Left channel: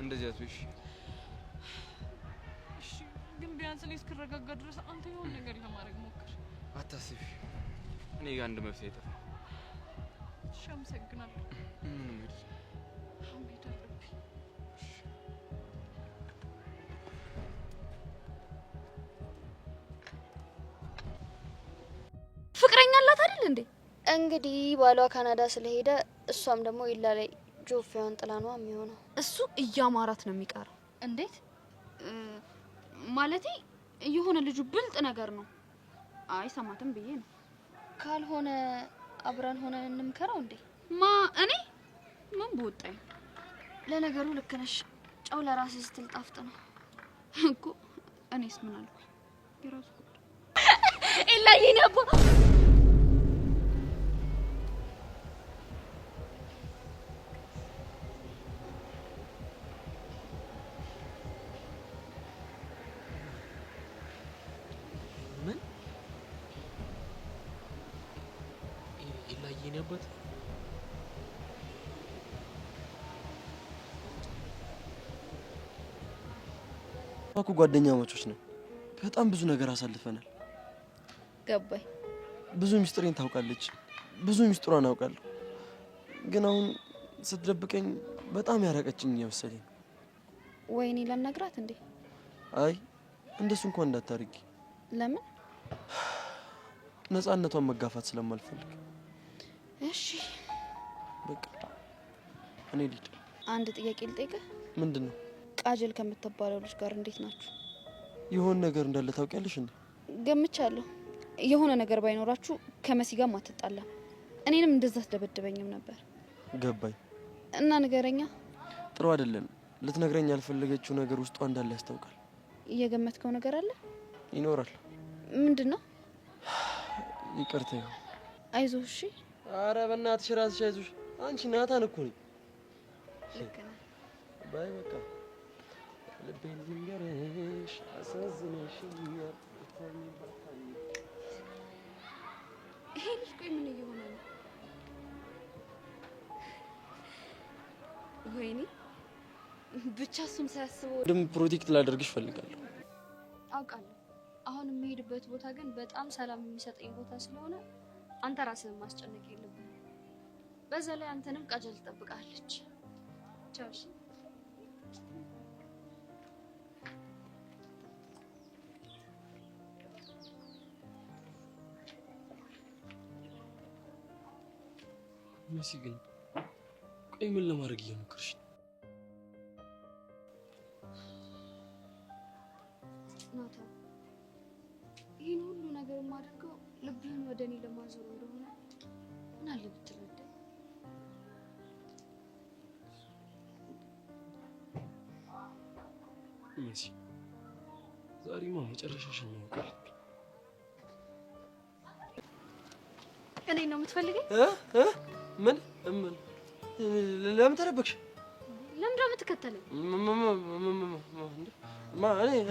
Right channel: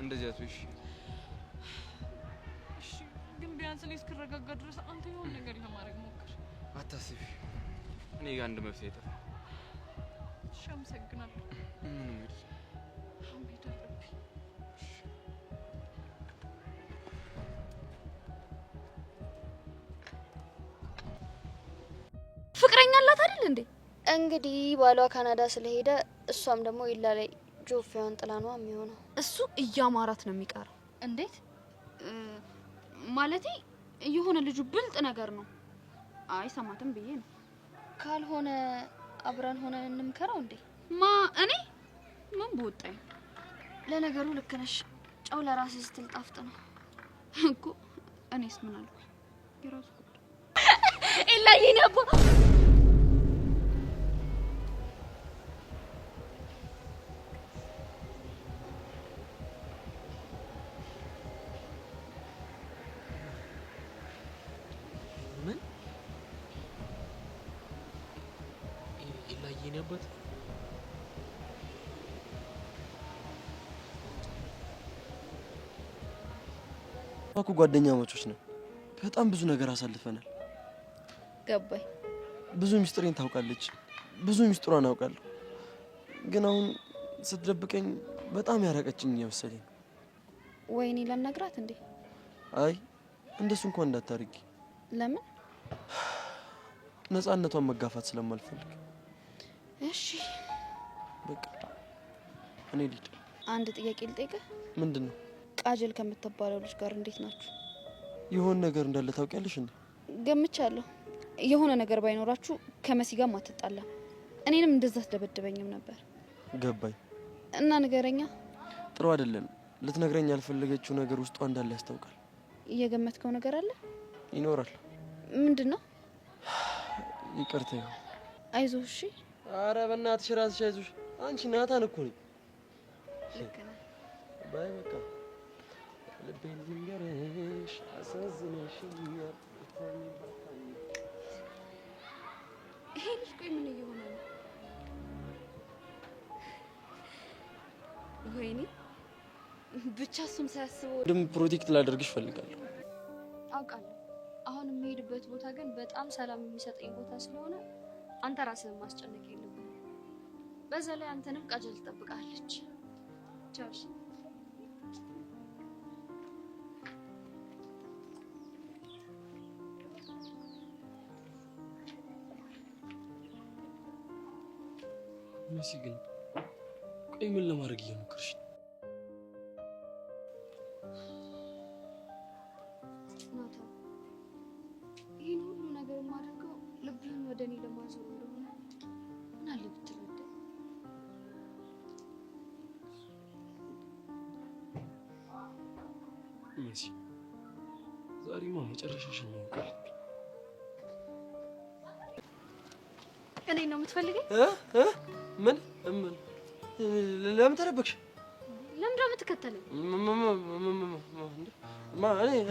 እንደዚህ አትሽ እሺ ግን ቢያንስ እኔ እስክረጋጋ ድረስ አንተ የሆነ ነገር ለማድረግ ሞክር አታስቢ እኔ ጋር አንድ መፍትሄ ይጠፋ እሺ አመሰግናለሁ ምንም አይደል አሁን ሄድ አለብኝ ፍቅረኛ አላት አይደል እንዴ እንግዲህ ባሏ ካናዳ ስለሄደ እሷም ደግሞ ይላል ጆፌዋን ጥላ ነው የሚሆነው እሱ እያማራት ነው የሚቀረው እንዴት ማለቴ የሆነ ልጁ ብልጥ ነገር ነው አይ ሰማተም ብዬ ነው ካልሆነ አብራን ሆነን እንምከረው እንዴ ማ እኔ ምን ቦጣኝ ለነገሩ ልክ ነሽ ጫው ለራስ ስትል ጣፍጥ ነው እኮ እኔስ ምን አልኩ ይራሱ ኢላዬ ነባ ይነበት አኩ ጓደኛሞች ነን በጣም ብዙ ነገር አሳልፈናል ገባይ ብዙ ሚስጥሬን ታውቃለች ብዙ ሚስጥሯን አውቃለሁ ግን አሁን ስትደብቀኝ በጣም ያራቀችኝ ይመስለኝ ወይኔ ለነግራት እንዴ አይ እንደሱ እንኳን እንዳታርጊ ለምን ነፃነቷን መጋፋት ስለማልፈልግ እሺ በቃ እኔ ልጅ አንድ ጥያቄ ልጠይቅህ ምንድነው ቃጀል ከምትባለው ልጅ ጋር እንዴት ናችሁ የሆነ ነገር እንዳለ ታውቂያለሽ እንዴ ገምቻለሁ የሆነ ነገር ባይኖራችሁ ከመሲ ጋር ማትጣላ እኔንም እንደዛ ተደበደበኝም ነበር ገባኝ እና ንገረኛ ጥሩ አይደለም ልትነግረኝ ያልፈለገችው ነገር ውስጧ እንዳለ ያስታውቃል እየገመትከው ነገር አለ ይኖራል ምንድነው ይቅርታ ይሁን አይዞህ እሺ አረ በእናትሽ ራስሽ አይዞሽ አንቺ ናታን እኮ ነኝ ልክ ነህ ባይ በቃ ልቤን ልንገርሽ አሳዝነሽኛል ይሄ ልጅ ቆይ ምን እየሆነ ነው ወይኔ ብቻ እሱም ሳያስበው ድም ፕሮቴክት ላደርግሽ ፈልጋለሁ አውቃለሁ አሁን የምሄድበት ቦታ ግን በጣም ሰላም የሚሰጠኝ ቦታ ስለሆነ አንተ ራስህን ማስጨነቅ የለብህም በዛ ላይ አንተንም ቃጀል ትጠብቃለች ቻው መሲ ግን ቆይ ምን ለማድረግ እየሞከርሽ ናታ ይህን ሁሉ ነገር የማደርገው ልብህን ወደ እኔ ለማዞር እንደሆነ ምን አለ ብትረዳኝ መሲ ዛሬማ መጨረሻሽን ነው እኔ ነው የምትፈልገኝ ምን ለምን ተደበቅሽ ለምን ነው የምትከተለኝ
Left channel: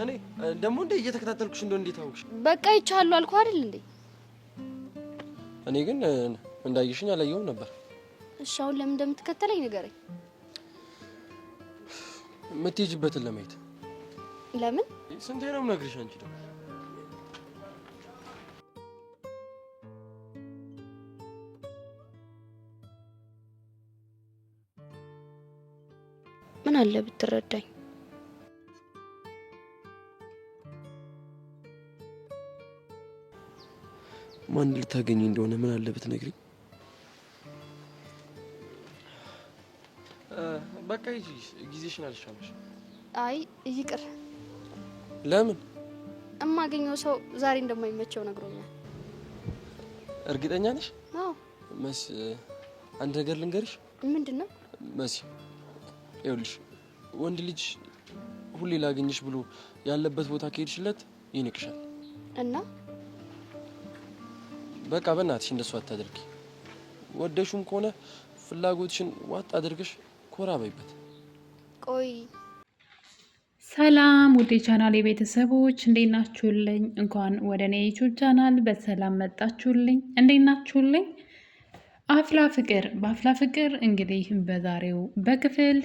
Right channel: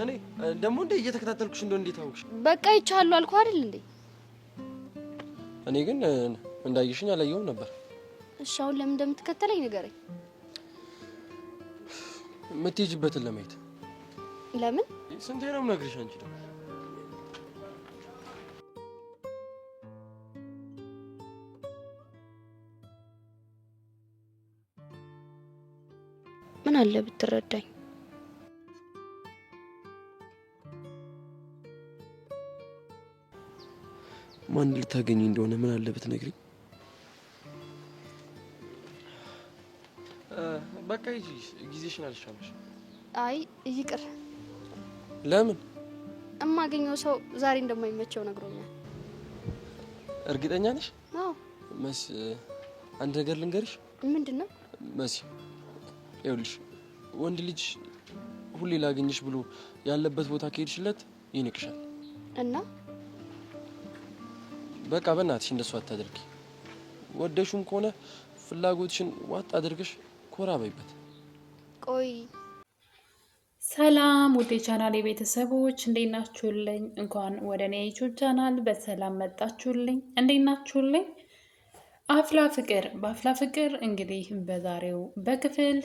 እኔ ደግሞ እንደ እየተከታተልኩሽ እንደው እንዴት አወቅሽ በቃ ይቻላል አልኩ አይደል እንዴ እኔ ግን እንዳይሽኝ አላየሁም ነበር እሺ አሁን ለምን እንደምትከተለኝ ንገረኝ የምትሄጂበትን ለማየት ለምን ስንቴ ነው የምነግርሽ አንቺ ደግሞ ምን አለ ብትረዳኝ ማን ልታገኝ እንደሆነ ምን አለ ብትነግሪኝ በቃ ጊዜሽን አልሻለሽ አይ ይቅር ለምን እማገኘው ሰው ዛሬ እንደማይመቸው ነግሮኛል እርግጠኛ ነሽ አዎ መስ አንድ ነገር ልንገርሽ ምንድነው መሲ ይኸውልሽ ወንድ ልጅ ሁሌ ላገኝሽ ብሎ ያለበት ቦታ ከሄድሽለት ይንቅሻል እና በቃ በእናትሽ እንደሱ አታድርጊ ወደሹም ከሆነ ፍላጎትሽን ዋጥ አድርገሽ ኮራ በይበት ቆይ ሰላም ውዴ ቻናል የቤተሰቦች እንዴት ናችሁልኝ እንኳን ወደ እኔ ዩቲዩብ ቻናል በሰላም መጣችሁልኝ እንዴት ናችሁልኝ አፍላ ፍቅር በአፍላ ፍቅር እንግዲህ በዛሬው በክፍል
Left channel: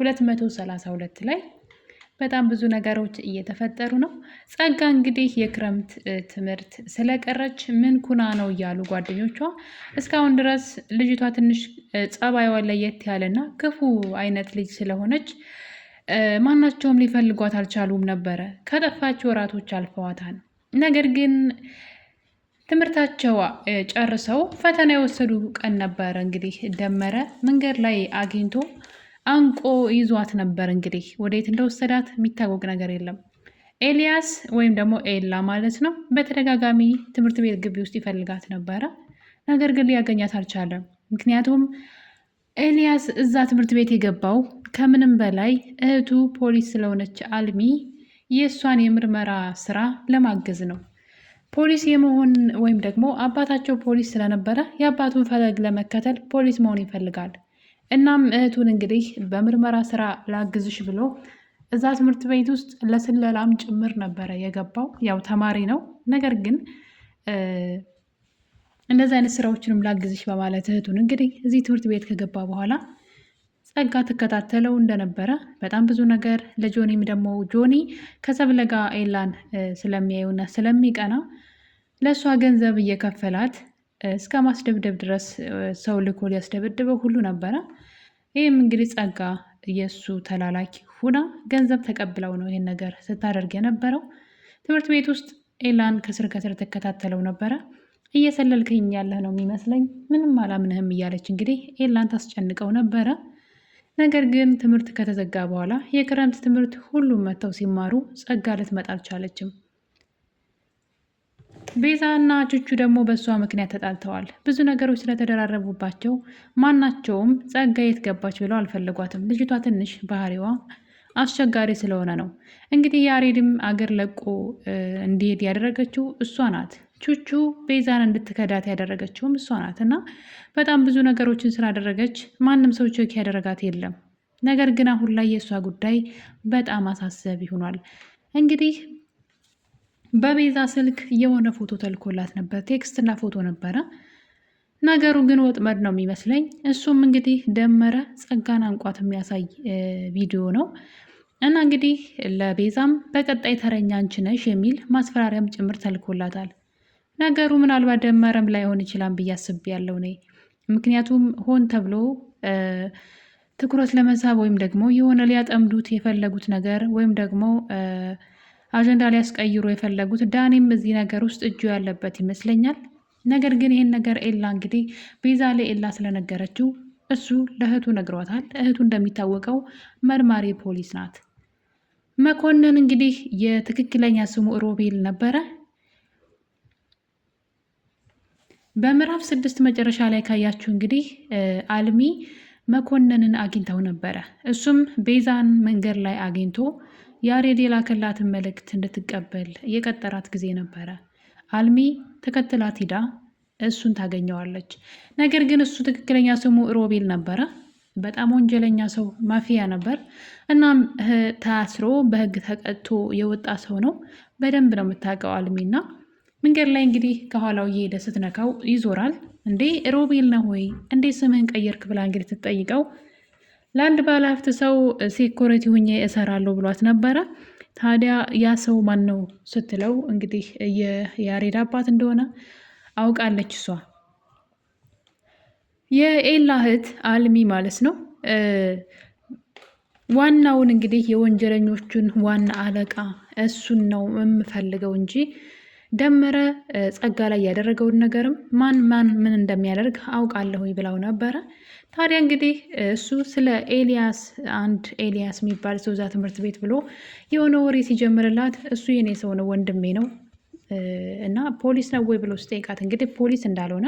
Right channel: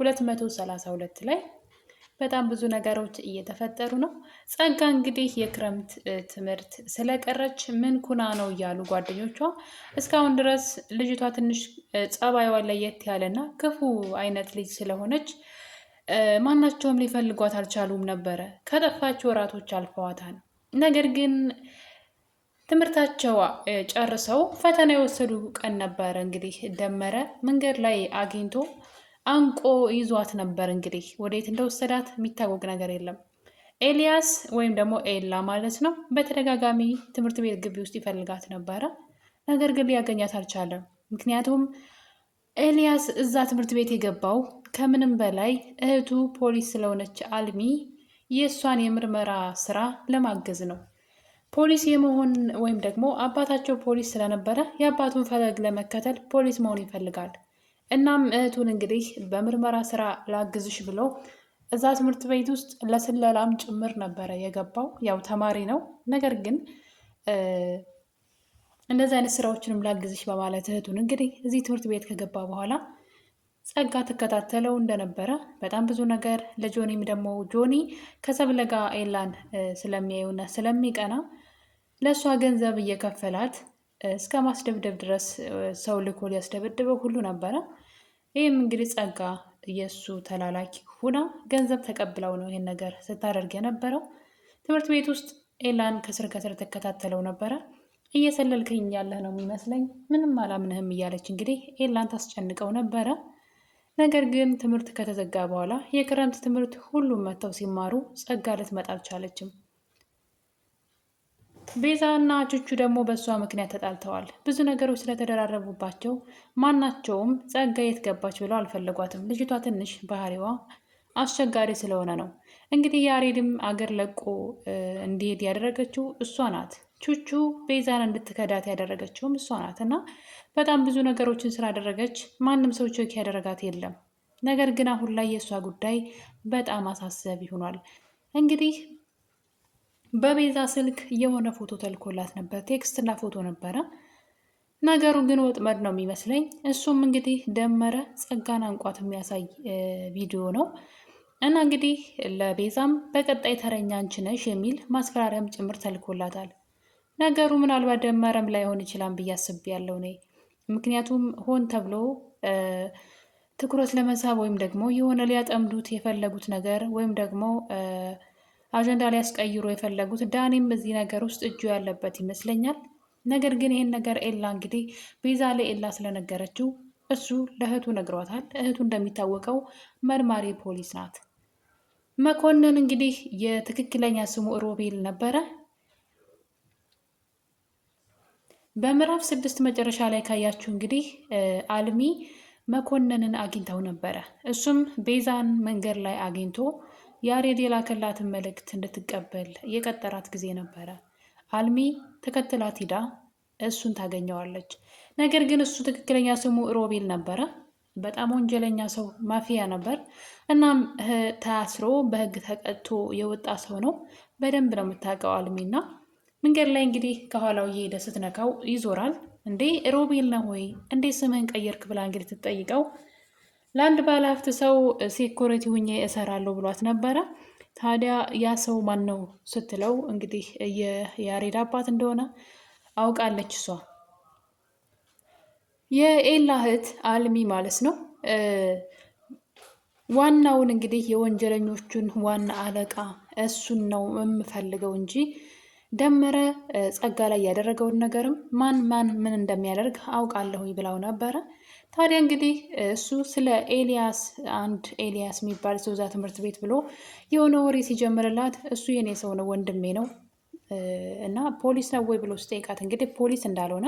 232 ላይ በጣም ብዙ ነገሮች እየተፈጠሩ ነው። ጸጋ እንግዲህ የክረምት ትምህርት ስለቀረች ምን ኩና ነው እያሉ ጓደኞቿ እስካሁን ድረስ ልጅቷ ትንሽ ጸባይዋ ለየት ያለና ክፉ አይነት ልጅ ስለሆነች ማናቸውም ሊፈልጓት አልቻሉም ነበረ። ከጠፋች ወራቶች አልፈዋታል። ነገር ግን ትምህርታቸው ጨርሰው ፈተና የወሰዱ ቀን ነበረ። እንግዲህ ደመረ መንገድ ላይ አግኝቶ አንቆ ይዟት ነበር። እንግዲህ ወዴት እንደወሰዳት የሚታወቅ ነገር የለም። ኤልያስ ወይም ደግሞ ኤላ ማለት ነው በተደጋጋሚ ትምህርት ቤት ግቢ ውስጥ ይፈልጋት ነበረ። ነገር ግን ሊያገኛት አልቻለም። ምክንያቱም ኤልያስ እዛ ትምህርት ቤት የገባው ከምንም በላይ እህቱ ፖሊስ ስለሆነች አልሚ የእሷን የምርመራ ስራ ለማገዝ ነው። ፖሊስ የመሆን ወይም ደግሞ አባታቸው ፖሊስ ስለነበረ የአባቱን ፈለግ ለመከተል ፖሊስ መሆን ይፈልጋል። እናም እህቱን እንግዲህ በምርመራ ስራ ላግዝሽ ብሎ እዛ ትምህርት ቤት ውስጥ ለስለላም ጭምር ነበረ የገባው። ያው ተማሪ ነው። ነገር ግን እንደዚህ አይነት ስራዎችንም ላግዝሽ በማለት እህቱን እንግዲህ እዚህ ትምህርት ቤት ከገባ በኋላ ጸጋ ትከታተለው እንደነበረ በጣም ብዙ ነገር ለጆኒም ደግሞ ጆኒ ከሰብለ ጋር ኤላን ስለሚያዩና ስለሚቀና ለእሷ ገንዘብ እየከፈላት እስከ ማስደብደብ ድረስ ሰው ልኮ ሊያስደበድበው ሁሉ ነበረ። ይህም እንግዲህ ጸጋ የእሱ ተላላኪ ሁና ገንዘብ ተቀብለው ነው ይህን ነገር ስታደርግ የነበረው። ትምህርት ቤት ውስጥ ኤላን ከስር ከስር ትከታተለው ነበረ። እየሰለልክኝ ያለህ ነው የሚመስለኝ፣ ምንም አላምንህም እያለች እንግዲህ ኤላን ታስጨንቀው ነበረ። ነገር ግን ትምህርት ከተዘጋ በኋላ የክረምት ትምህርት ሁሉም መጥተው ሲማሩ ጸጋ ልትመጣ አልቻለችም። ቤዛ እና ቹቹ ደግሞ በእሷ ምክንያት ተጣልተዋል። ብዙ ነገሮች ስለተደራረቡባቸው ማናቸውም ጸጋ የት ገባች ብለው አልፈለጓትም። ልጅቷ ትንሽ ባህሪዋ አስቸጋሪ ስለሆነ ነው። እንግዲህ ያሬድም አገር ለቆ እንዲሄድ ያደረገችው እሷ ናት። ቹቹ ቤዛን እንድትከዳት ያደረገችውም እሷ ናት እና በጣም ብዙ ነገሮችን ስላደረገች ማንም ሰው ቼክ ያደረጋት የለም። ነገር ግን አሁን ላይ የእሷ ጉዳይ በጣም አሳሳቢ ሆኗል። እንግዲህ በቤዛ ስልክ የሆነ ፎቶ ተልኮላት ነበር፣ ቴክስትና ፎቶ ነበረ። ነገሩ ግን ወጥመድ ነው የሚመስለኝ። እሱም እንግዲህ ደመረ ጸጋን አንቋት የሚያሳይ ቪዲዮ ነው እና እንግዲህ ለቤዛም በቀጣይ ተረኛ አንቺ ነሽ የሚል ማስፈራሪያም ጭምር ተልኮላታል። ነገሩ ምናልባት ደመረም ላይሆን ይችላል ብዬ አስቤያለሁ እኔ። ምክንያቱም ሆን ተብሎ ትኩረት ለመሳብ ወይም ደግሞ የሆነ ሊያጠምዱት የፈለጉት ነገር ወይም ደግሞ አጀንዳ ሊያስቀይሩ የፈለጉት ዳኒም እዚህ ነገር ውስጥ እጁ ያለበት ይመስለኛል። ነገር ግን ይህን ነገር ኤላ እንግዲህ ቤዛ ለኤላ ስለነገረችው እሱ ለእህቱ ነግሯታል። እህቱ እንደሚታወቀው መርማሪ ፖሊስ ናት። መኮንን እንግዲህ የትክክለኛ ስሙ ሮቤል ነበረ። በምዕራፍ 6 መጨረሻ ላይ ካያችሁ እንግዲህ አልሚ መኮንንን አግኝተው ነበረ። እሱም ቤዛን መንገድ ላይ አግኝቶ ያሬድ የላከላትን መልእክት እንድትቀበል የቀጠራት ጊዜ ነበረ። አልሚ ተከትላት ሂዳ እሱን ታገኘዋለች። ነገር ግን እሱ ትክክለኛ ስሙ ሮቤል ነበረ። በጣም ወንጀለኛ ሰው፣ ማፊያ ነበር። እናም ታስሮ በህግ ተቀጥቶ የወጣ ሰው ነው። በደንብ ነው የምታውቀው አልሚና መንገድ ላይ እንግዲህ ከኋላው እየሄደ ስትነካው ይዞራል። እንዴ ሮቤል ነው ወይ እንዴ ስምህን ቀየርክ ብላ እንግዲህ ትጠይቀው። ለአንድ ባለሀብት ሰው ሴኩሪቲ ሁኜ እሰራለሁ ብሏት ነበረ። ታዲያ ያ ሰው ማን ነው ስትለው እንግዲህ የያሬድ አባት እንደሆነ አውቃለች እሷ። የኤላ እህት አልሚ ማለት ነው። ዋናውን እንግዲህ የወንጀለኞቹን ዋና አለቃ እሱን ነው የምፈልገው እንጂ ደመረ ጸጋ ላይ ያደረገውን ነገርም ማን ምን እንደሚያደርግ አውቃለሁ ብላው ነበረ። ታዲያ እንግዲህ እሱ ስለ ኤልያስ አንድ ኤልያስ የሚባል ሰው እዛ ትምህርት ቤት ብሎ የሆነ ወሬ ሲጀምርላት እሱ የኔ ሰው ነው ወንድሜ ነው እና ፖሊስ ነው ወይ ብሎ ስጠይቃት እንግዲህ ፖሊስ እንዳልሆነ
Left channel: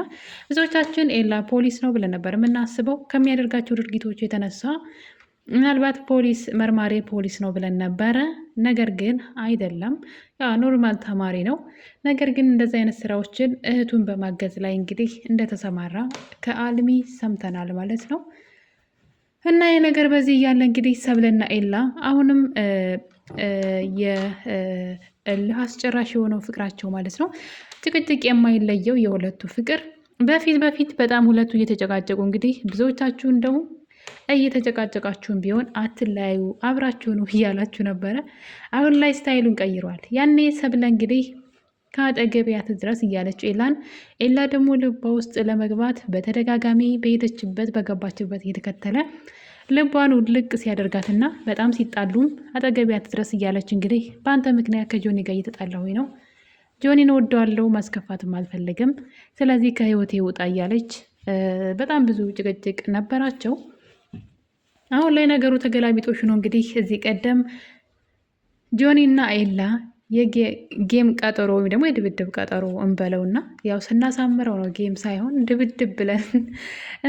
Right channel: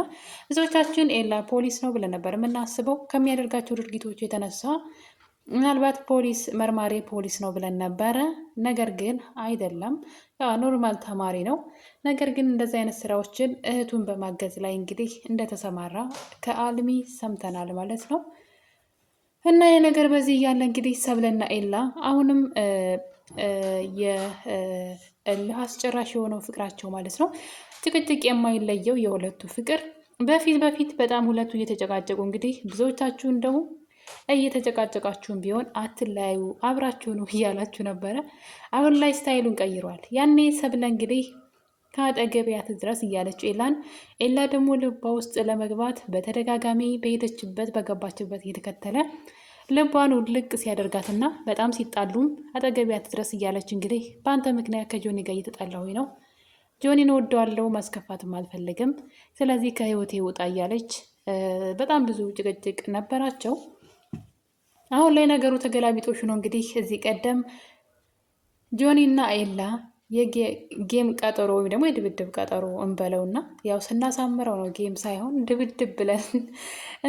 ብዙዎቻችን ኤላ ፖሊስ ነው ብለን ነበር የምናስበው ከሚያደርጋቸው ድርጊቶች የተነሳ ምናልባት ፖሊስ መርማሪ ፖሊስ ነው ብለን ነበረ። ነገር ግን አይደለም፣ ኖርማል ተማሪ ነው። ነገር ግን እንደዚህ አይነት ስራዎችን እህቱን በማገዝ ላይ እንግዲህ እንደተሰማራ ከአልሚ ሰምተናል ማለት ነው። እና ይህ ነገር በዚህ እያለ እንግዲህ ሰብለና ኤላ አሁንም የእልህ አስጨራሽ የሆነው ፍቅራቸው ማለት ነው፣ ጭቅጭቅ የማይለየው የሁለቱ ፍቅር በፊት በጣም ሁለቱ እየተጨቃጨቁ እንግዲህ ብዙዎቻችሁ እንደው እየተጨቃጨቃችሁን ቢሆን አትለያዩ፣ አብራችሁኑ እያላችሁ ነበረ። አሁን ላይ ስታይሉን ቀይሯል። ያኔ ሰብለ እንግዲህ ከአጠገቢያት ድረስ እያለች ኤላ ደግሞ ልቧ ውስጥ ለመግባት በተደጋጋሚ በሄደችበት በገባችበት እየተከተለ ልቧን ውልቅ ሲያደርጋትና በጣም ሲጣሉም አጠገቢያት ድረስ እያለች እንግዲህ በአንተ ምክንያት ከጆኒ ጋር እየተጣላሁኝ ነው፣ ጆኒን ወደዋለው ማስከፋትም አልፈልግም፣ ስለዚህ ከህይወቴ ውጣ እያለች በጣም ብዙ ጭቅጭቅ ነበራቸው። አሁን ላይ ነገሩ ተገላቢጦሽ ነው። እንግዲህ እዚህ ቀደም ጆኒና ኤላ የጌም ቀጠሮ ወይም ደግሞ የድብድብ ቀጠሮ እንበለውና ያው ስናሳምረው ነው ጌም ሳይሆን ድብድብ ብለን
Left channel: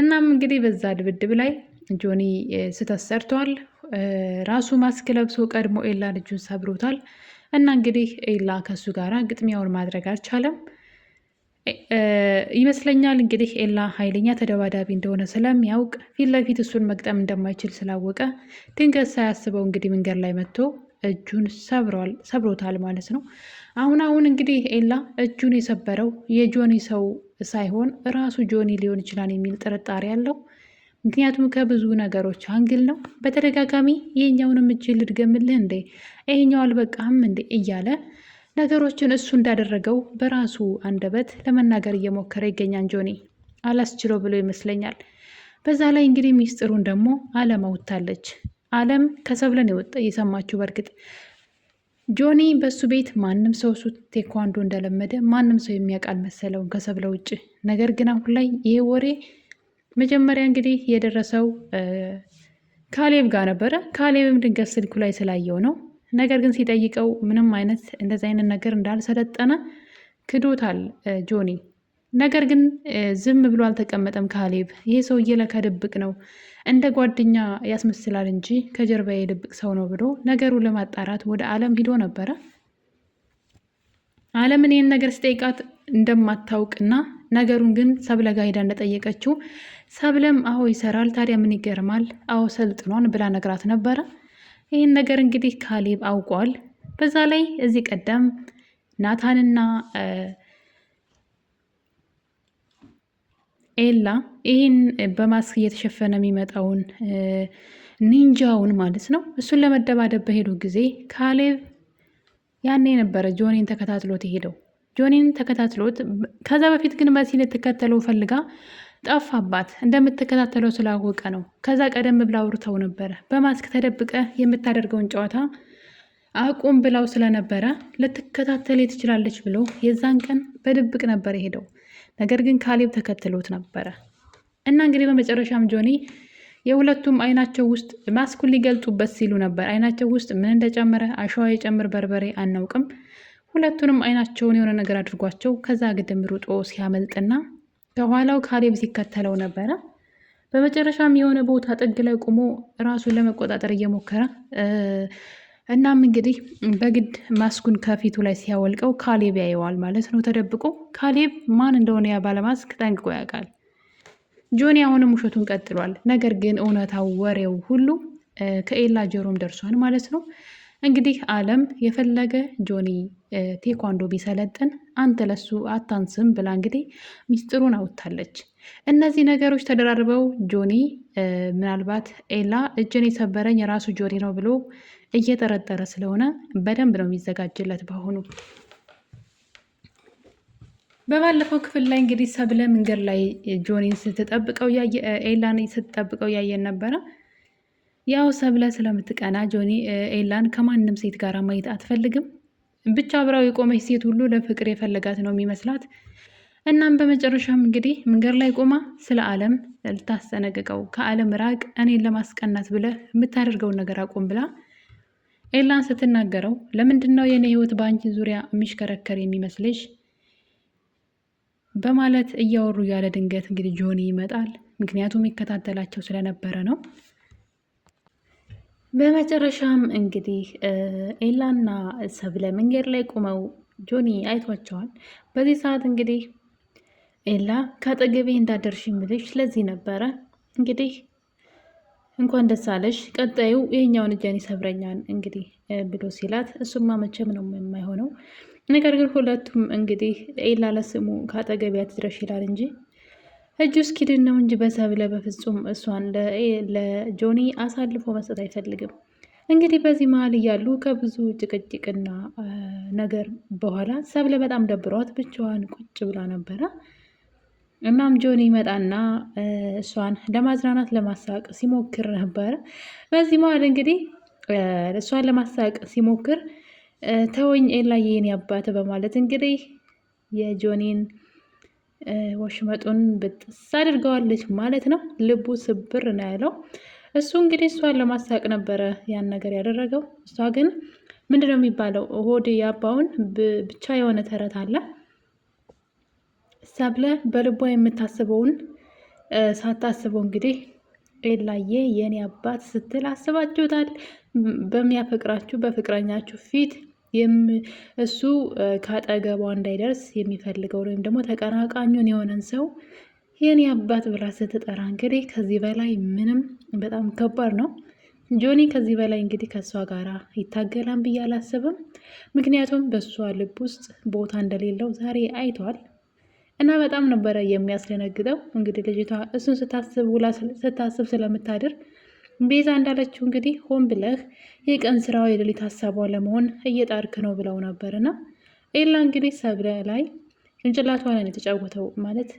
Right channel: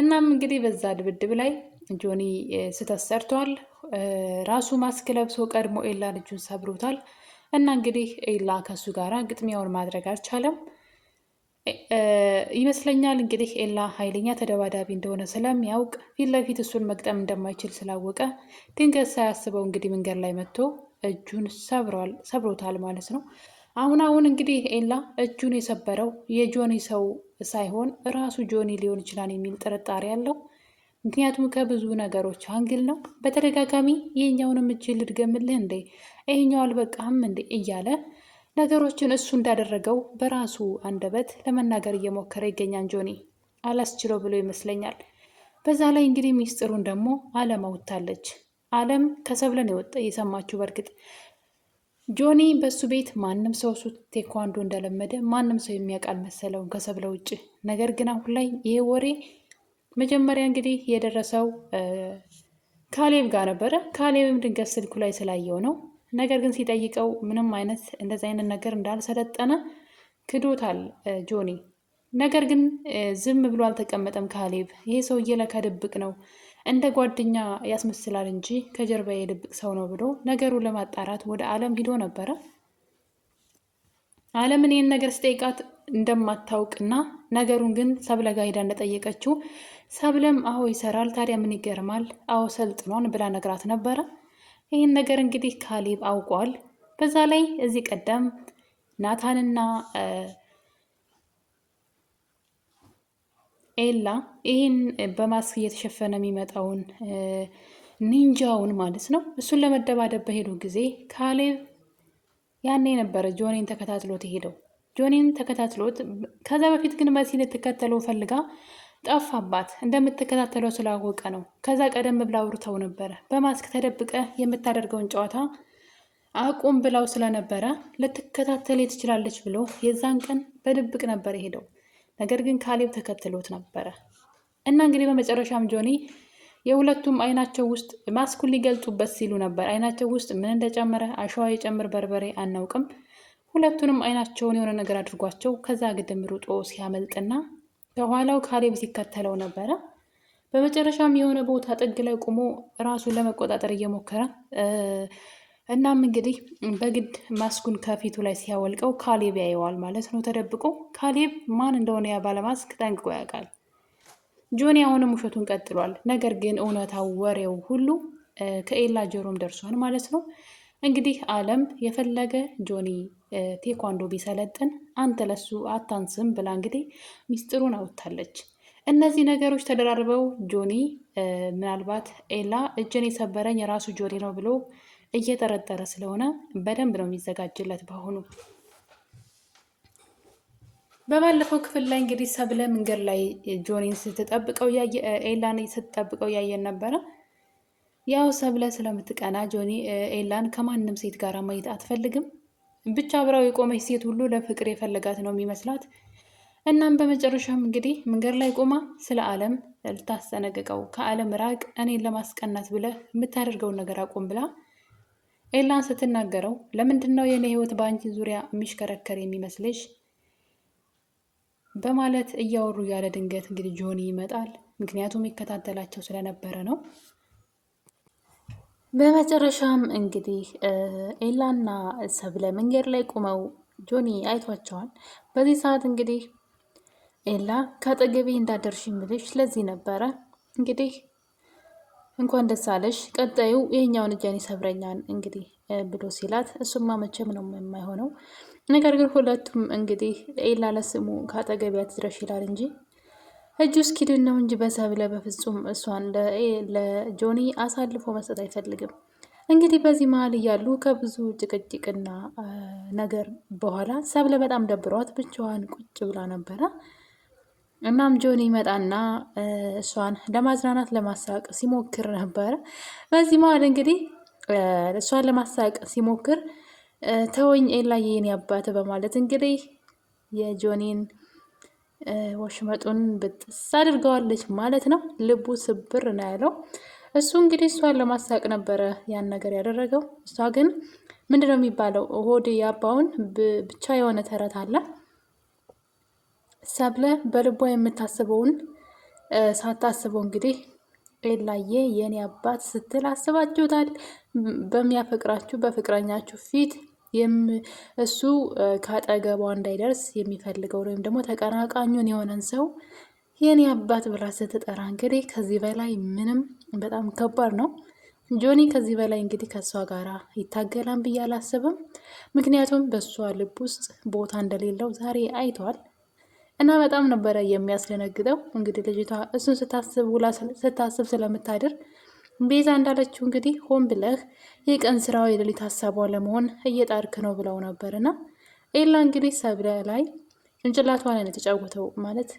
እናም እንግዲህ በዛ ድብድብ ላይ ጆኒ ስህተት ሰርቷል። ራሱ ማስክ ለብሶ ቀድሞ ኤላ ልጁን ሰብሮታል እና እንግዲህ ኤላ ከሱ ጋራ ግጥሚያውን ማድረግ አልቻለም ይመስለኛል። እንግዲህ ኤላ ኃይለኛ ተደባዳቢ እንደሆነ ስለሚያውቅ ፊት ለፊት እሱን መግጠም እንደማይችል ስላወቀ ድንገት ሳያስበው እንግዲህ መንገድ ላይ መጥቶ እጁን ሰብሮታል ማለት ነው። አሁን እንግዲህ ኤላ እጁን የሰበረው የጆኒ ሰው ሳይሆን ራሱ ጆኒ ሊሆን ይችላል የሚል ጥርጣሬ አለው። ምክንያቱም ከብዙ ነገሮች አንግል ነው። በተደጋጋሚ ይሄኛውንም እጅ ልድገምልህ እንዴ፣ ይሄኛው አልበቃህም እንዴ እያለ ነገሮችን እሱ እንዳደረገው በራሱ አንደበት ለመናገር እየሞከረ ይገኛል። ጆኒ አላስችለው ብሎ ይመስለኛል። በዛ ላይ እንግዲህ ሚስጥሩን ደግሞ አለም አውጥታለች። አለም ከሰብለን የሰማችው በእርግጥ ጆኒ በሱ ቤት ማንም ሰው እሱ ቴኳንዶ እንደለመደ ማንም ሰው የሚያውቃል መሰለው ከሰብለ ውጭ። ነገር ግን አሁን ላይ ይሄ ወሬ መጀመሪያ እንግዲህ የደረሰው ካሌብ ጋር ነበረ። ካሌብም ድንገት ስልኩ ላይ ስላየው ነው። ነገር ግን ሲጠይቀው ምንም አይነት እንደዚህ አይነት ነገር እንዳልሰለጠነ ክዶታል ጆኒ። ነገር ግን ዝም ብሎ አልተቀመጠም ካሌብ። ይሄ ሰውዬ ለካ ድብቅ ነው፣ እንደ ጓደኛ ያስመስላል እንጂ ከጀርባ የድብቅ ሰው ነው ብሎ ነገሩን ለማጣራት ወደ አለም ሂዶ ነበረ። አለምን ይህን ነገር ሲጠይቃት እንደማታውቅና ነገሩን ግን ሰብለ ጋ ሂዳ እንደጠየቀችው ሰብለም አዎ ይሰራል፣ ታዲያ ምን ይገርማል፣ አዎ ሰልጥኗን ብላ ነግራት ነበረ። ይህን ነገር እንግዲህ ካሌብ አውቋል። በዛ ላይ እዚህ ቀደም ናታንና ኤላ ይህን በማስክ እየተሸፈነ የሚመጣውን ኒንጃውን ማለት ነው እሱን ለመደባደብ በሄዱ ጊዜ ካሌብ ያኔ ነበረ ጆኒን ተከታትሎት የሄደው። ጆኒን ተከታትሎት ከዛ በፊት ግን መሲን ልትከተለው ፈልጋ ጠፋባት። እንደምትከታተለው ስላወቀ ነው። ከዛ ቀደም ብላ አውርተው ነበረ። በማስክ ተደብቀ የምታደርገውን ጨዋታ አቁም ብላው ስለነበረ ልትከታተል ትችላለች ብሎ የዛን ቀን በድብቅ ነበር የሄደው። ነገር ግን ካሌብ ተከትሎት ነበረ እና እንግዲህ በመጨረሻም ጆኒ የሁለቱም አይናቸው ውስጥ ማስኩን ሊገልጡበት ሲሉ ነበር። አይናቸው ውስጥ ምን እንደጨመረ አሸዋ የጨምር በርበሬ አናውቅም። ሁለቱንም አይናቸውን የሆነ ነገር አድርጓቸው ከዛ ግድም ሩጦ ሲያመልጥና ከኋላው ካሌብ ሲከተለው ነበረ። በመጨረሻም የሆነ ቦታ ጥግ ላይ ቆሞ ራሱን ለመቆጣጠር እየሞከረ እናም እንግዲህ በግድ ማስኩን ከፊቱ ላይ ሲያወልቀው ካሌብ ያየዋል ማለት ነው ተደብቆ። ካሌብ ማን እንደሆነ ያ ባለማስክ ጠንቅቆ ያውቃል። ጆኒ አሁንም ውሸቱን ቀጥሏል። ነገር ግን እውነታው ወሬው ሁሉ ከኤላ ጆሮም ደርሷል ማለት ነው። እንግዲህ አለም የፈለገ ጆኒ ቴኳንዶ ቢሰለጥን አንተ ለሱ አታንስም ብላ እንግዲህ ሚስጥሩን አውጥታለች። እነዚህ ነገሮች ተደራርበው ጆኒ ምናልባት ኤላ እጅን የሰበረኝ የራሱ ጆኒ ነው ብሎ እየጠረጠረ ስለሆነ በደንብ ነው የሚዘጋጅለት። በአሁኑ በባለፈው ክፍል ላይ እንግዲህ ሰብለ መንገድ ላይ ጆኒን ስትጠብቀው ኤላን ስትጠብቀው ያየን ነበረ። ያው ሰብለ ስለምትቀና ጆኒ ኤላን ከማንም ሴት ጋር ማየት አትፈልግም። ብቻ አብረው የቆመች ሴት ሁሉ ለፍቅር የፈለጋት ነው የሚመስላት። እናም በመጨረሻም እንግዲህ መንገድ ላይ ቆማ ስለ አለም ልታስጠነቅቀው ከአለም ራቅ፣ እኔን ለማስቀናት ብለህ የምታደርገውን ነገር አቁም ብላ ኤላን ስትናገረው ለምንድን ነው የኔ ህይወት በአንቺ ዙሪያ የሚሽከረከር የሚመስልሽ በማለት እያወሩ ያለ ድንገት እንግዲህ ጆኒ ይመጣል። ምክንያቱም ይከታተላቸው ስለነበረ ነው። በመጨረሻም እንግዲህ ኤላና ሰብለ መንገድ ላይ ቆመው ጆኒ አይቷቸዋል። በዚህ ሰዓት እንግዲህ ኤላ ከአጠገቤ እንዳደርሽ የምልሽ ስለዚህ ነበረ እንግዲህ እንኳን ደስ አለሽ፣ ቀጣዩ ይሄኛውን እጄን ይሰብረኛል እንግዲህ ብሎ ሲላት እሱማ መቼም ነው የማይሆነው። ነገር ግን ሁለቱም እንግዲህ ኤላ ለስሙ ከአጠገቢያ ትድረሽ ይላል እንጂ እጁ እስኪድን ነው እንጂ በሰብለ በፍጹም እሷን ለጆኒ አሳልፎ መስጠት አይፈልግም። እንግዲህ በዚህ መሀል እያሉ ከብዙ ጭቅጭቅና ነገር በኋላ ሰብለ በጣም ደብሯት ብቻዋን ቁጭ ብላ ነበረ። እናም ጆኒ ይመጣና እሷን ለማዝናናት ለማሳቅ ሲሞክር ነበረ። በዚህ መሀል እንግዲህ እሷን ለማሳቅ ሲሞክር ተወኝ ኤላዬ የኔ አባት በማለት እንግዲህ የጆኒን ወሽመጡን ብጥስ አድርገዋለች ማለት ነው። ልቡ ስብር ነው ያለው። እሱ እንግዲህ እሷን ለማሳቅ ነበረ ያን ነገር ያደረገው። እሷ ግን ምንድነው የሚባለው ሆዴ ያባውን ብቻ የሆነ ተረት አለ። ሰብለ በልቧ የምታስበውን ሳታስበው እንግዲህ ኤላዬ የኔ አባት ስትል አስባችሁታል። በሚያፈቅራችሁ በፍቅረኛችሁ ፊት እሱ ከአጠገቧ እንዳይደርስ የሚፈልገው ወይም ደግሞ ተቀናቃኙን የሆነን ሰው የኔ አባት ብላ ስትጠራ እንግዲህ ከዚህ በላይ ምንም በጣም ከባድ ነው። ጆኒ ከዚህ በላይ እንግዲህ ከእሷ ጋር ይታገላን ብዬ አላስብም። ምክንያቱም በእሷ ልብ ውስጥ ቦታ እንደሌለው ዛሬ አይተዋል እና በጣም ነበረ የሚያስደነግጠው። እንግዲህ ልጅቷ እሱን ስታስብ ስለምታድር ቤዛ እንዳለችው እንግዲህ ሆን ብለህ የቀን ስራው የሌሊት ሀሳቧ ለመሆን እየጣርክ ነው ብለው ነበርና ኤላ እንግዲህ ሰብለ ላይ ጭንቅላቷ ላይ የተጫወተው ማለት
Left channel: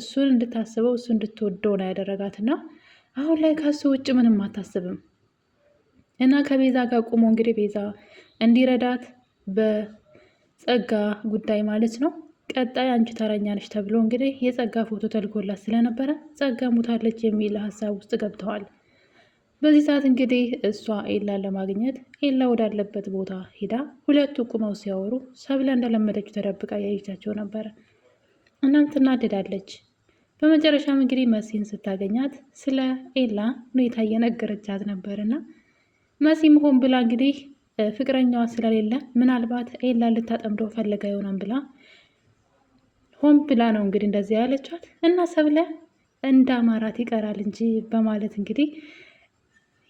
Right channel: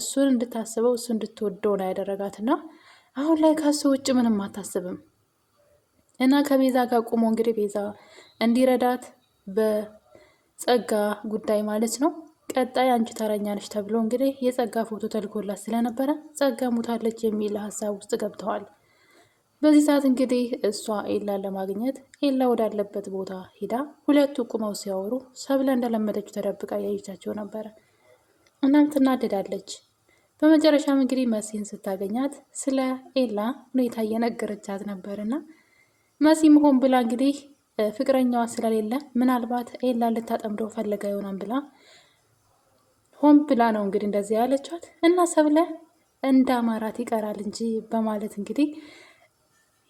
እሱን እንድታስበው እሱ እንድትወደው ነው ያደረጋትና አሁን ላይ ከሱ ውጭ ምንም አታስብም። እና ከቤዛ ጋር ቁሞ እንግዲህ ቤዛ እንዲረዳት በጸጋ ጉዳይ ማለት ነው ቀጣይ አንቺ ተረኛ ነሽ ተብሎ እንግዲህ የጸጋ ፎቶ ተልኮላት ስለነበረ ጸጋ ሙታለች የሚል ሀሳብ ውስጥ ገብተዋል። በዚህ ሰዓት እንግዲህ እሷ ኤላን ለማግኘት ኤላ ወዳለበት ቦታ ሄዳ ሁለቱ ቁመው ሲያወሩ ሰብለ እንደለመደችው ተደብቃ ያየቻቸው ነበረ። እናም ትናደዳለች። በመጨረሻም እንግዲህ መሲን ስታገኛት ስለ ኤላ ሁኔታ እየነገረቻት ነበርና መሲም ሆን ብላ እንግዲህ ፍቅረኛዋ ስለሌለ ምናልባት ኤላን ልታጠምደው ፈልጋ ይሆናል ብላ ሆን ብላ ነው እንግዲህ እንደዚህ ያለቻት እና ሰብለ እንደ አማራት ይቀራል እንጂ በማለት እንግዲህ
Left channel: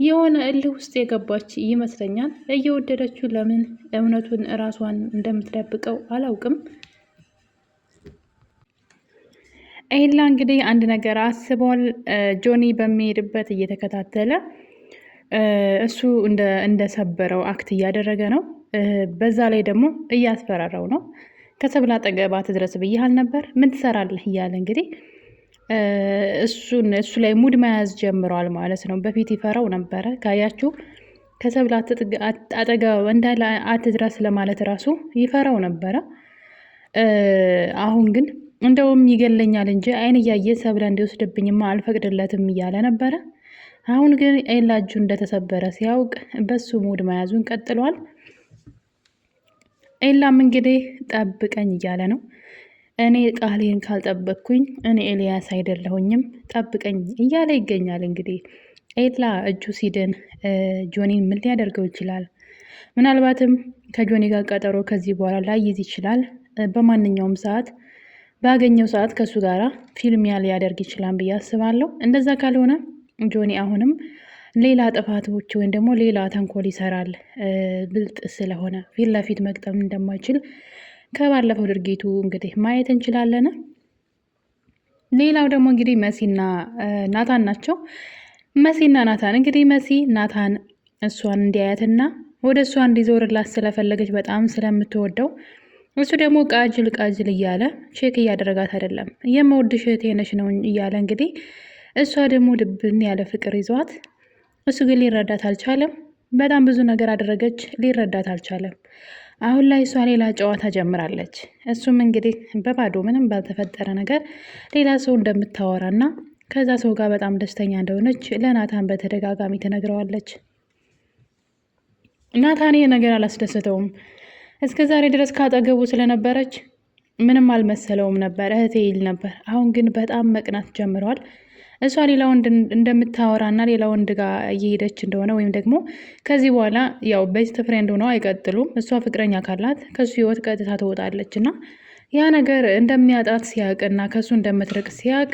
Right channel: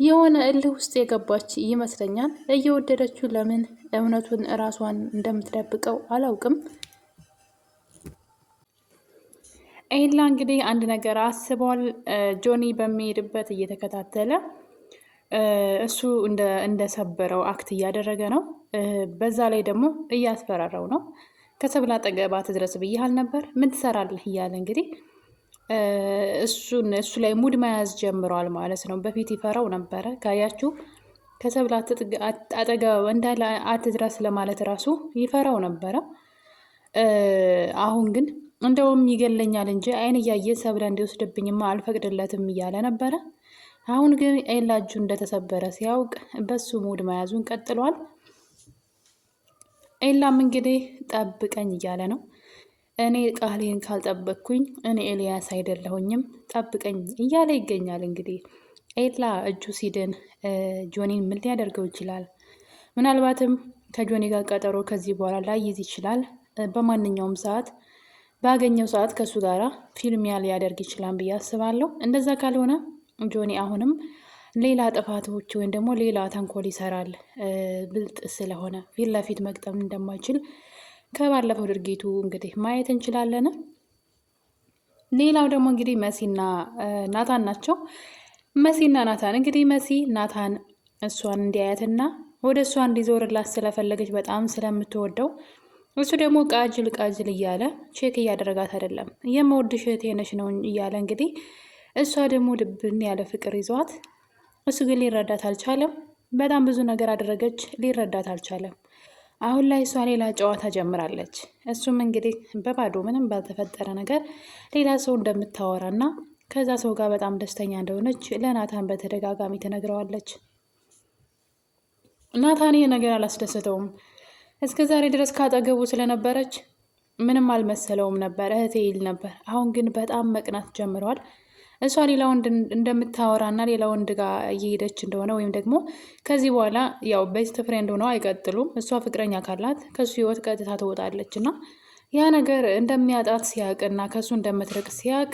የሆነ እልህ ውስጥ የገባች ይመስለኛል። እየወደደችው ለምን እውነቱን እራሷን እንደምትደብቀው አላውቅም። ኤላ እንግዲህ አንድ ነገር አስቧል። ጆኒ በሚሄድበት እየተከታተለ እሱ እንደሰበረው አክት እያደረገ ነው። በዛ ላይ ደግሞ እያስፈራረው ነው። ከሰብለ አጠገብ አትድረስ ብዬሃል ነበር ምን ትሰራለህ እያለ እንግዲህ እሱ ላይ ሙድ መያዝ ጀምሯል ማለት ነው። በፊት ይፈራው ነበረ ካያችሁ ከሰብለ አጠገብ እንዳለ አትድረስ ለማለት ራሱ ይፈራው ነበረ። አሁን ግን እንደውም ይገለኛል እንጂ አይን እያየ ሰብለ እንዲወስድብኝማ አልፈቅድለትም እያለ ነበረ። አሁን ግን ኤላ እጁ እንደተሰበረ ሲያውቅ በሱ ሙድ መያዙን ቀጥሏል። ኤላም እንግዲህ ጠብቀኝ እያለ ነው። እኔ ቃሌን ካልጠበቅኩኝ እኔ ኤልያስ አይደለሁኝም ጠብቀኝ እያለ ይገኛል። እንግዲህ ኤላ እጁ ሲድን ጆኒን ምን ሊያደርገው ይችላል? ምናልባትም ከጆኒ ጋር ቀጠሮ ከዚህ በኋላ ላይይዝ ይችላል። በማንኛውም ሰዓት ባገኘው ሰዓት ከእሱ ጋር ፊልሚያ ሊያደርግ ይችላል ብዬ አስባለሁ። እንደዛ ካልሆነ ጆኒ አሁንም ሌላ ጥፋቶች ወይም ደግሞ ሌላ ተንኮል ይሰራል። ብልጥ ስለሆነ ፊት ለፊት መግጠም እንደማይችል ከባለፈው ድርጊቱ እንግዲህ ማየት እንችላለን። ሌላው ደግሞ እንግዲህ መሲና ናታን ናቸው። መሲና ናታን እንግዲህ መሲ ናታን እሷን እንዲያያትና ወደ እሷ እንዲዞርላት ስለፈለገች በጣም ስለምትወደው እሱ ደግሞ ቃጅል እያለ ቼክ እያደረጋት አይደለም። የምወድሽ እህቴ ነሽ ነው እያለ እንግዲህ እሷ ደግሞ ድብን ያለ ፍቅር ይዟት እሱ ግን ሊረዳት አልቻለም። በጣም ብዙ ነገር አደረገች፣ ሊረዳት አልቻለም። አሁን ላይ እሷ ሌላ ጨዋታ ጀምራለች። እሱም እንግዲህ በባዶ ምንም ባልተፈጠረ ነገር ሌላ ሰው እንደምታወራና ከዛ ሰው ጋር በጣም ደስተኛ እንደሆነች ለናታን በተደጋጋሚ ትነግረዋለች። ናታን ይህ ነገር አላስደሰተውም። እስከ ዛሬ ድረስ ካጠገቡ ስለነበረች ምንም አልመሰለውም ነበር፣ እህቴ ይል ነበር። አሁን ግን በጣም መቅናት ጀምረዋል። እሷ ሌላ ወንድ እንደምታወራና ሌላ ወንድ ጋር እየሄደች እንደሆነ ወይም ደግሞ ከዚህ በኋላ ያው ቤስት ፍሬንድ ሆነው አይቀጥሉም። እሷ ፍቅረኛ ካላት ከሱ ህይወት ቀጥታ ትወጣለች እና ያ ነገር እንደሚያጣት ሲያቅና ከሱ እንደምትርቅ ሲያቅ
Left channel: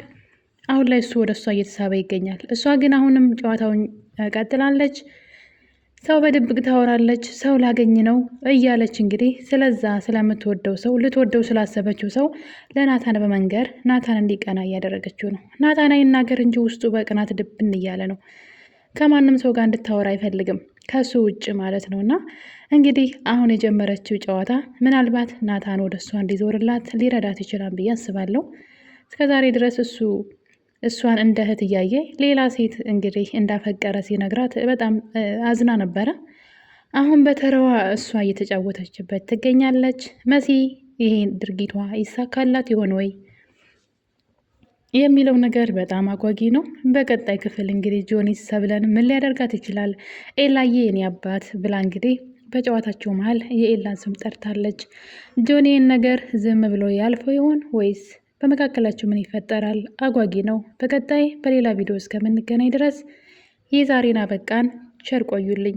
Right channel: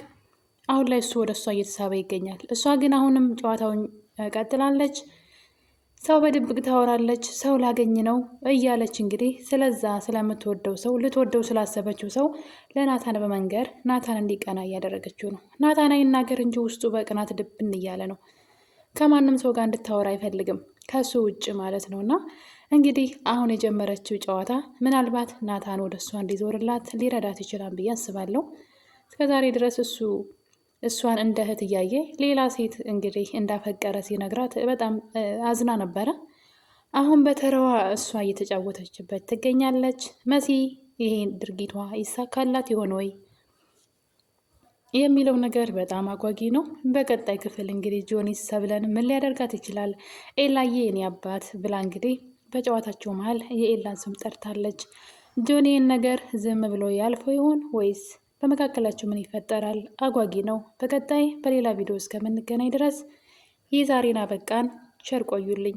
አሁን ላይ እሱ ወደ እሷ እየተሳበ ይገኛል። እሷ ግን አሁንም ጨዋታውን ቀጥላለች። ሰው በድብቅ ታወራለች፣ ሰው ላገኝ ነው እያለች እንግዲህ ስለዛ ስለምትወደው ሰው ልትወደው ስላሰበችው ሰው ለናታን በመንገር ናታን እንዲቀና እያደረገችው ነው። ናታን አይናገር እንጂ ውስጡ በቅናት ድብን እያለ ነው። ከማንም ሰው ጋር እንድታወራ አይፈልግም ከሱ ውጭ ማለት ነው። እና እንግዲህ አሁን የጀመረችው ጨዋታ ምናልባት ናታን ወደ እሷ እንዲዞርላት ሊረዳት ይችላል ብዬ አስባለሁ። እስከዛሬ ድረስ እሷን እንደ እህት እያየ ሌላ ሴት እንግዲህ እንዳፈቀረ ሲነግራት በጣም አዝና ነበረ። አሁን በተረዋ እሷ እየተጫወተችበት ትገኛለች። መሲ ይሄን ድርጊቷ ይሳካላት ይሆን ወይ የሚለው ነገር በጣም አጓጊ ነው። በቀጣይ ክፍል እንግዲህ ጆኒ ሰብለን ምን ሊያደርጋት ይችላል? ኤላዬ የኔ አባት ብላ እንግዲህ በጨዋታቸው መሀል የኤላን ስም ጠርታለች። ጆኒን ነገር ዝም ብሎ ያልፈው ይሆን ወይስ በመካከላቸው ምን ይፈጠራል? አጓጊ ነው። በቀጣይ በሌላ ቪዲዮ እስከምንገናኝ ድረስ የዛሬን አበቃን። ቸር ቆዩልኝ።